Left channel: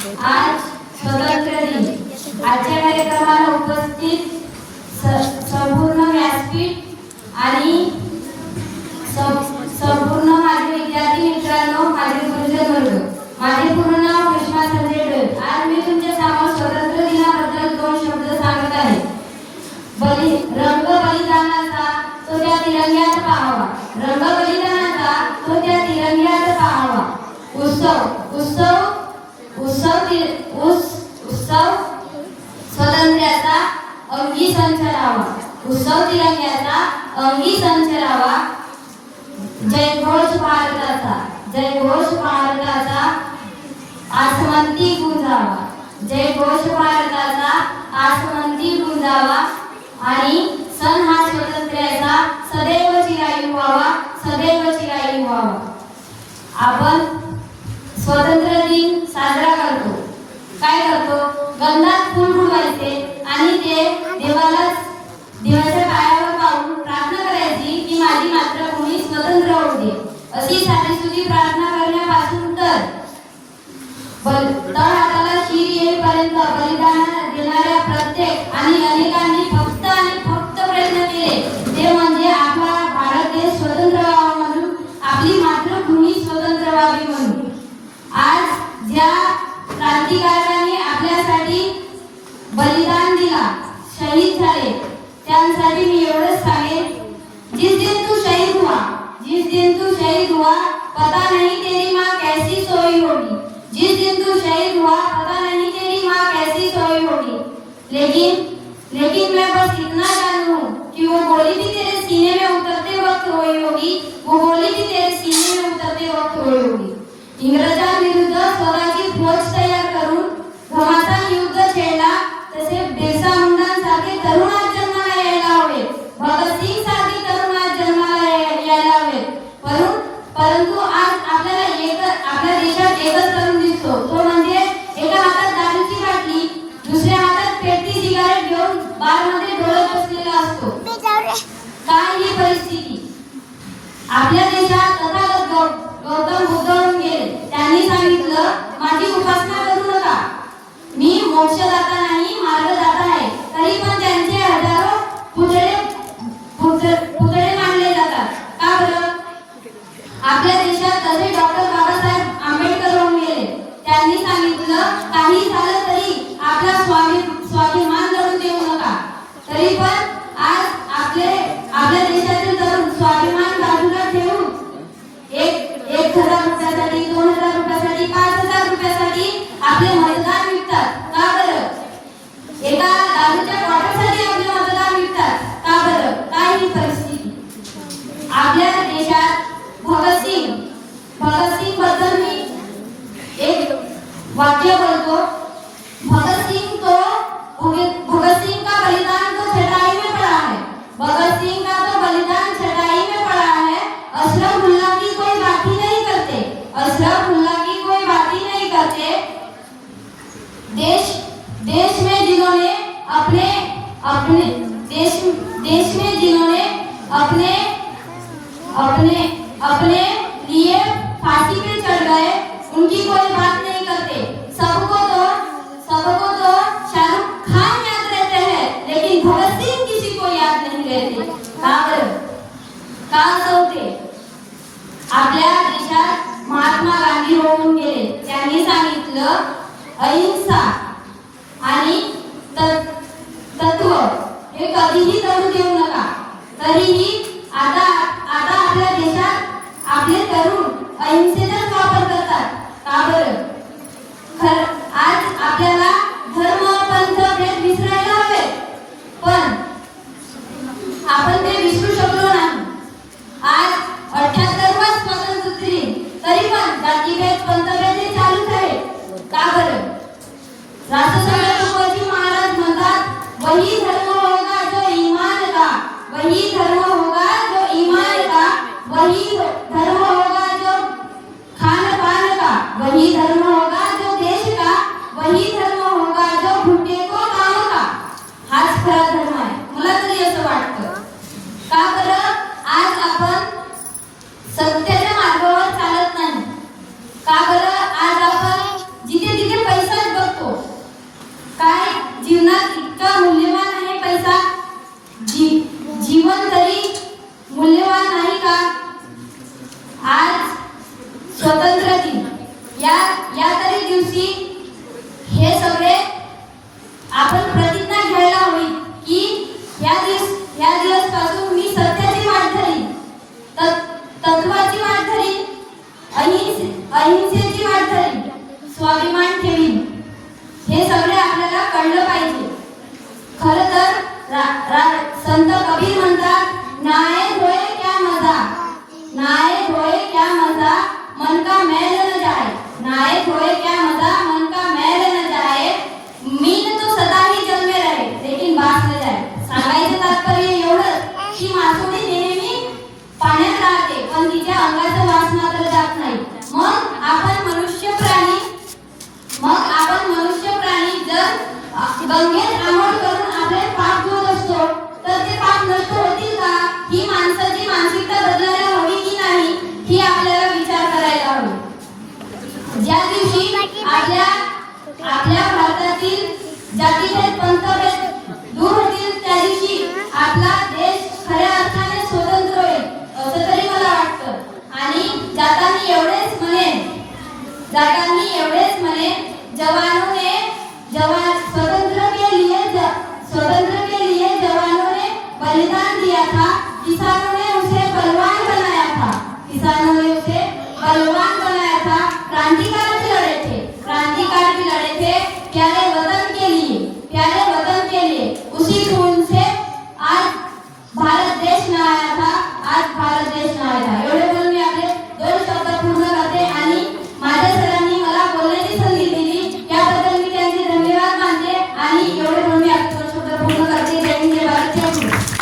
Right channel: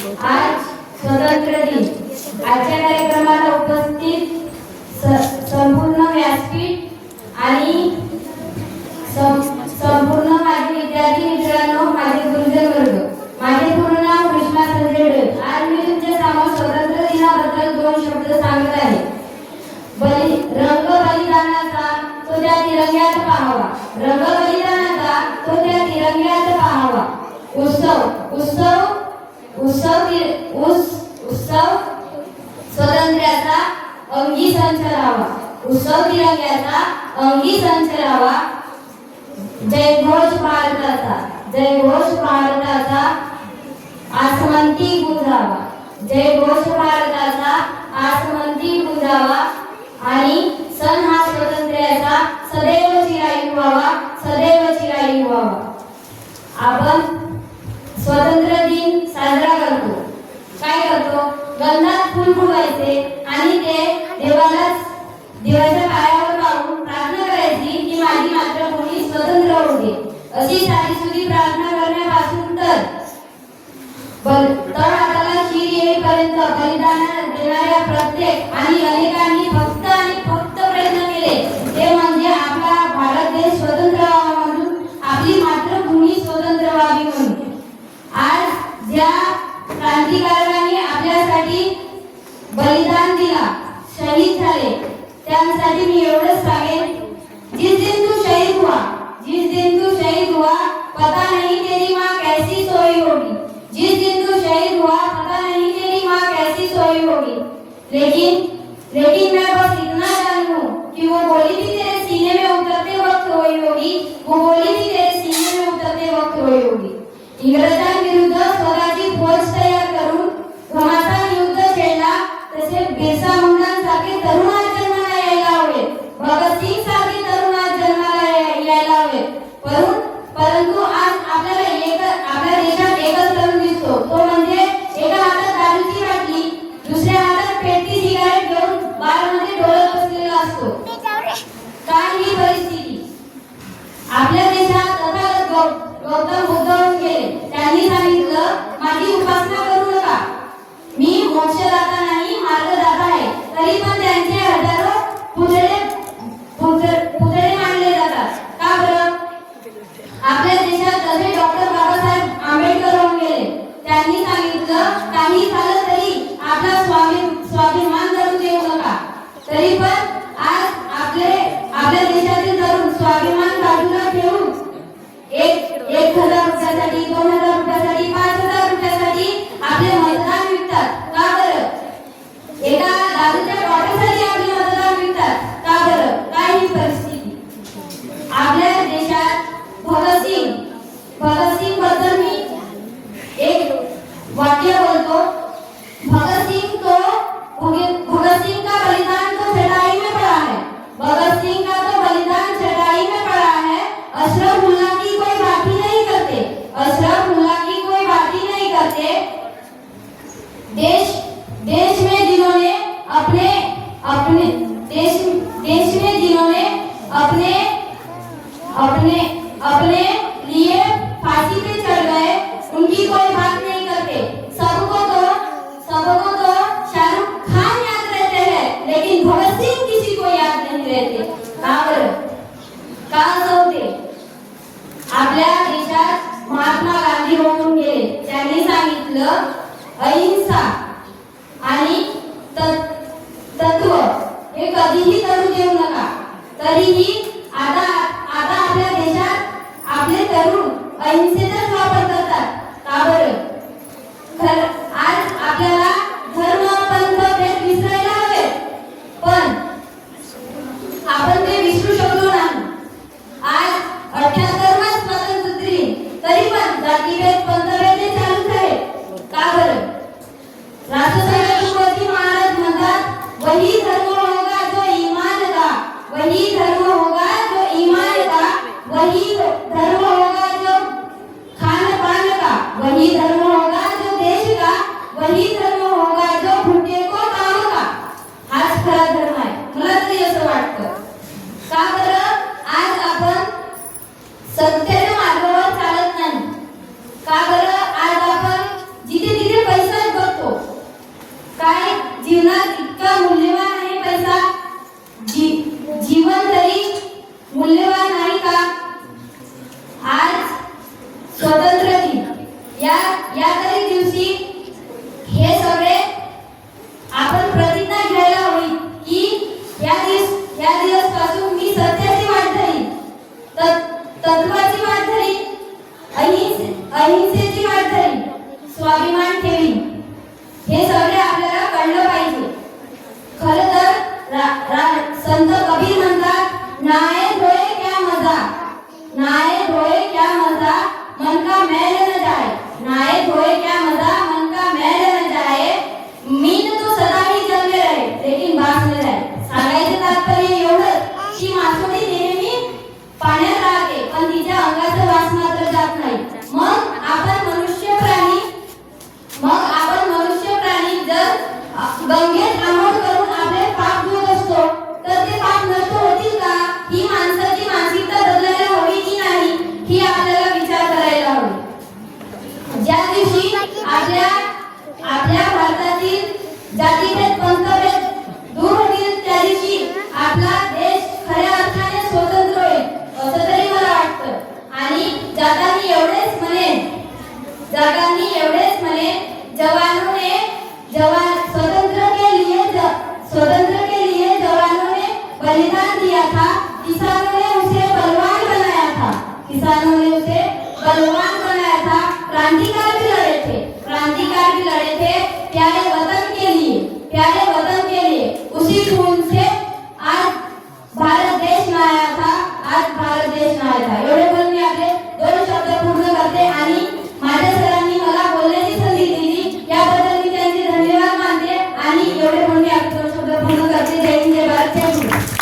आज स्वातंत्र्य दिन. आजच्या कार्यक्रमाला उपस्थित संपूर्ण व्यासपीठ आणि संपूर्ण माझे विद्यार्थी मित्रांनो, माझे गुरुजन वर्ग, माझे पूर्ण नाव कृष्णा संजय डोळे. आज मी तुमच्या समोर स्वातंत्र्य दिनाबद्दल 2 शब्द सांगत आहे. रंग बलिदानाचा तो त्या तिरंग्यात पाहावा, रंग बलिदानाचा तो त्या तिरंग्यात पाहावा. उत्सव स्वातंत्र्याचा अंगी संच लावा, उत्सव तिरंग्याचा अंगी संच लावा. जयघोष भारताचा, जयघोष भारताचा आसमंती गुंजावा, जयघोष भारताचा आसमंती गुंजावा. आणि सण हा स्वातंत्र्याचा सदैव चिरायू व्हावा, सदैव चिरायू व्हावा. आपण स्वातंत्र्य दिन साजरा करतो. काय करतो? गंधात फूल फुलवायचे आणि ते देवाच्या पायावर पाहून प्रार्थना करायची की माझी मातृभूमी स्वतंत्र होऊ दे. अशी साधीसुधी प्रार्थना करण्यापासून तर हाताला शीर येईपर्यंत बलिदान देणाऱ्या प्रत्येक आणि अनेकांनी फक्त आणि फक्त प्रयत्न केले, ते म्हणजे आपला भारत देश स्वतंत्र व्हावा म्हणून, आपली मातृभूमी स्वतंत्र व्हावी म्हणून. आज ज्या क्रांतिकारकांनी आपल्यासाठी बलिदान दिला, शहीद झाले, त्यांसाठी मी एवढंच सांगेन, जिस दिन तू शहीद हुआ, जिस दिन तू शहीद हुआ, पता नहीं तेरी माँ कैसी सोई होगी. जिस दिन तू शहीद हुआ, पता नहीं तेरी माँ कैसी सोई होगी. लेकिन मैं बस इतना जानूं कि वो गोली भी तेरे सीने में उतरते वक्त रोई होगी, वो गोली भी तेरे सीने में उतरते वक्त रोई होगी. इंग्रजांविरुद्ध स्वराची फौज तयार करून घमासान युद्ध छेडला, तसे बिरसा मुंडांसारखे तरुण आज जन्माला यायला हवे, भगतसिंग सारखे तरुण आज जन्माला यायला हवे. परंतु आज आपल्या देशात एकच तरुण दिसतो, तो म्हणजे एका हातात दारूची बाटली, दुसऱ्या हातात पेटती सिगारेट घेऊन बारमध्ये डोळत बसलेला असतो. काय ही परिस्थिती? आपल्या देशात तथागत गौतम बुद्ध होऊन गेले. त्यांनी सांगितलं, माझी उपासना करू नका, मी मोक्षदाता नाही, मार्गदाता आहे. तरी पण त्यांचे हजारो पुतळे मांडले जातात. का बरं? आपल्या देशात जसे डॉक्टर बाबासाहेब आंबेडकर होऊन गेले, त्यांनी सांगितलं, काही झालं तरी आपला स्वाभिमान लढू देऊ नका. तरी पण आज आपल्या देशातील तरुण स्वाभिमान बाजूला ठेवून 1,000 रुपयासाठी, 2,000 रुपयासाठी, 5,000 रुपयासाठी आपले मतदान विकतात. का बरं? एका दारूच्या बॉटलसाठी आपले मतदान विकतात. का बरं? काय ही परिस्थिती? आपल्या देशात भगतसिंग बद्दल मी एक वाक्य बोलतो. भगतसिंग का बलिदान तो चटाई में पड़ा है, भगतसिंग का तो बलिदान चटाई में पड़ा है. अशरफुल्लाह की कोई बात ही नहीं करते, अशरफुल्लाह की कोई बात ही नहीं करते. देश में जिन्होंने अपने लिए फांसी पे चढ़ गए, उनकी कोई बात नहीं करते. सबको तो शाहरुख खान याद रहते हैं, लेकिन भगत सिंह किसी को याद नहीं रहते. का असं होते? आपल्या देशात महात्मा गांधी होऊन गेले. त्यांनी सांगितलं, अहिंसा आणि तत्व हे कधीही तडू देऊ नका. तरीही आता आपल्या देशात आपले तरुण अहिंसेचाच वापर करतात. का बरं? आज आपल्याला धर्म, पंथ, भेद विसरायला हवे, पण आपण ते विसरू शकलो नाही. आज 78वा स्वातंत्र्य दिन, तरी पण जातीभेद, पंथभेद हे चालूच आहे. का बरं? राष्ट्रसंत तुकडोजी महाराज म्हणतात, वही धर्म होगा जो ईमान का, वही धर्म होगा जो ईमान का, वही धर्म होगा जो खान पान का, वही धर्म होगा जो देश का, वही धर्म होगा जो भूखे को काम का. हाच खरा धर्म आहे, मला तरी असं वाटतं. का बरं? आज आपण सत्याच्या मार्गावर चालत नाही. का बरं? आज आपण जिथे जिथे पैसा या तरी दिवशी हे सगळे आपण प्रतिज्ञा घ्यायला हवी की या दिवस पासून मी सत्याची वाट धरीन, तत्वाची वाट धरीन, अहिंसेची वाट धरीन, स्वाभिमान ठेवीन. हे सगळे आपल्याला कळलं पाहिजे. खरं तर संत कबीर म्हणतात, नाये धोए क्या मजा, नाये धोए क्या मजा, मन का मैल न जाए, नाये धोए क्या मजा, मन का मैल न जाए, मीन तो सदा ही जल में रहे लेकिन बास न जाए. सांगायचं तात्पर्य एवढंच की मासोळी नेहमी पाण्यात राहते पण तिच्या अंगाचा वास मात्र जात नाही. मग आपण मनुष्य प्राणी जर गंगेत आंघोळ करून आपले पाप धुत असतो तर ते पाप नष्ट होतील का? ही माणसाची मानसिकता बदलायला हवी की नाही ही आपल्याला विचार करायला हवी. ज्या दिवशी आपल्या भारतातील जातीभेद पंथभेद दूर होतील त्या दिवशी आपला देश खऱ्या अर्थाने स्वतंत्र होईल असं तरी मला वाटतं. आणि जातानी एवढेच म्हणे जवानों ने स्वतंत्र के लिए जवानों ने बलिदान दिया था, किसानों ने उसे बलवान बनाया था, क्रांतिकारी